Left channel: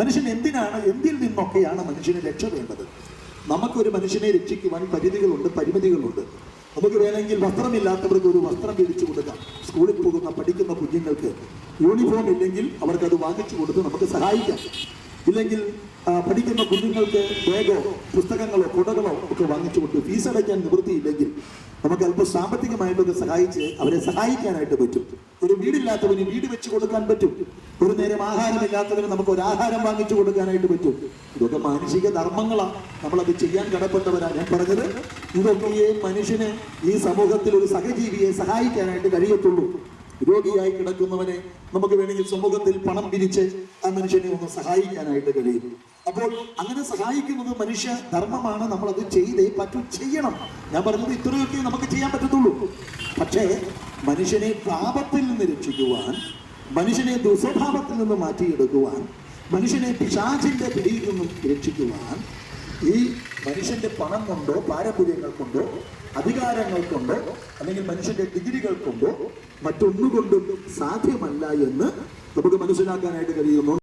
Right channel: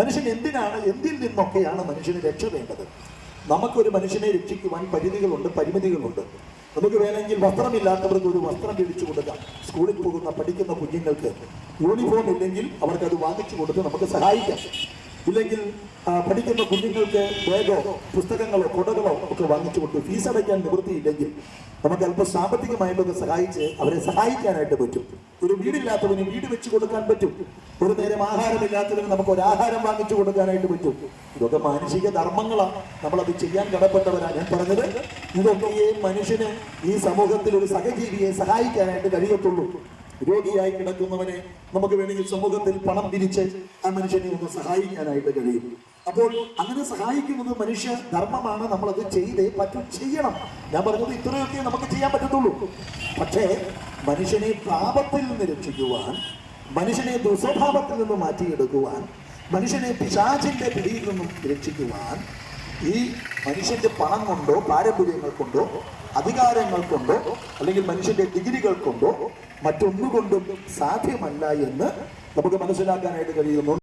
മനുഷ്യൻ എന്തിൽ നിന്നൊക്കെയാണ് മനുഷ്യനെ രക്ഷപ്പെടേണ്ടത്? നമുക്കൊരു മനുഷ്യനെ രക്ഷിക്കുവാൻ പരിധികളുണ്ട്, പരിമിതികളുണ്ട്. നമുക്ക് വേണമെങ്കിൽ വസ്ത്രമില്ലാത്തവർക്ക് ഒരു വസ്ത്രം മേടിച്ചു കൊടുക്കാം. സ്കൂളിൽ പോകുന്ന പഠിക്കുന്ന കുഞ്ഞുങ്ങൾക്ക് യൂണിഫോം ഇല്ലെങ്കിൽ അവർക്കത് വാങ്ങിച്ചു കൊടുത്ത് നമുക്ക് സഹായിക്കാം. ഇല്ലെങ്കിൽ പഠിക്കുന്ന കുഞ്ഞുങ്ങൾക്ക് ബാഗോ പുസ്തകങ്ങളോ കുടകളോ ഒക്കെ വാങ്ങിച്ചു കൊടുത്തു. ഫീസ് അടയ്ക്കാൻ നിവൃത്തിയില്ലെങ്കിൽ നമുക്ക് അല്പം സാമ്പത്തികമായിട്ടൊക്കെ സഹായിച്ച് അവരെ സഹായിക്കാനായിട്ട് പറ്റും. ഒരു വീടില്ലാത്തവന് വീട് വെച്ച് കൊടുക്കാൻ പറ്റും. ഒരു നേരം ആഹാരമില്ലാത്തവന് നമുക്ക് ഒരു ആഹാരം വാങ്ങിച്ചു കൊടുക്കാനായിട്ട് പറ്റും. ഇതൊക്കെ മാനുഷിക ധർമ്മങ്ങളാണ്. നമ്മളത് ചെയ്യാൻ കടപ്പെട്ടവരാണ്. ഞാൻ പറഞ്ഞത് ഇതൊക്കെ മനുഷ്യന് ഈ സമൂഹത്തിൽ ഒരു സഹജീവിയെ സഹായിക്കാനായിട്ട് കഴിയത്തുള്ളൂ. രോഗിയായി കിടക്കുന്നവനെ നമുക്ക് വേണമെങ്കിൽ സമൂഹത്തിൽ പണം പിരിച്ച് ആ മനുഷ്യനെ ഒന്ന് സഹായിക്കാനായിട്ട് കഴിയും. അപ്പോൾ അങ്ങനെ സഹായിക്കുന്നത് മനുഷ്യ ധർമ്മമാണ്. നമ്മളത് ചെയ്തേ പറ്റും, ചെയ്യണം. ഞാൻ പറഞ്ഞത് ഇത്രയൊക്കെ നമുക്ക് ചെയ്യാൻ പറ്റത്തുള്ളൂ. പക്ഷേ മനുഷ്യനെ പാപത്തിൽ നിന്ന് രക്ഷിക്കുവാൻ, മനുഷ്യനെ ദുസ്വഭാവത്തിൽ നിന്ന് മാറ്റിയെടുക്കുവാൻ, മനുഷ്യനെ പിശാചിന്റെ പിടിയിൽ നിന്നും രക്ഷിക്കുവാൻ ഈ മനുഷ്യന്റെ പണം കൊണ്ടോ പാരമ്പര്യങ്ങൾ കൊണ്ടോ അധികാരങ്ങൾ കൊണ്ടോ അല്ലെങ്കിൽ മനുഷ്യന്റെ ഡിഗ്രികൾ കൊണ്ടോ മറ്റൊന്നുകൊണ്ടും സാധ്യമല്ല എന്ന് നമുക്ക് മനസ്സിലാക്കാനായിട്ട് കഴിയുന്നു.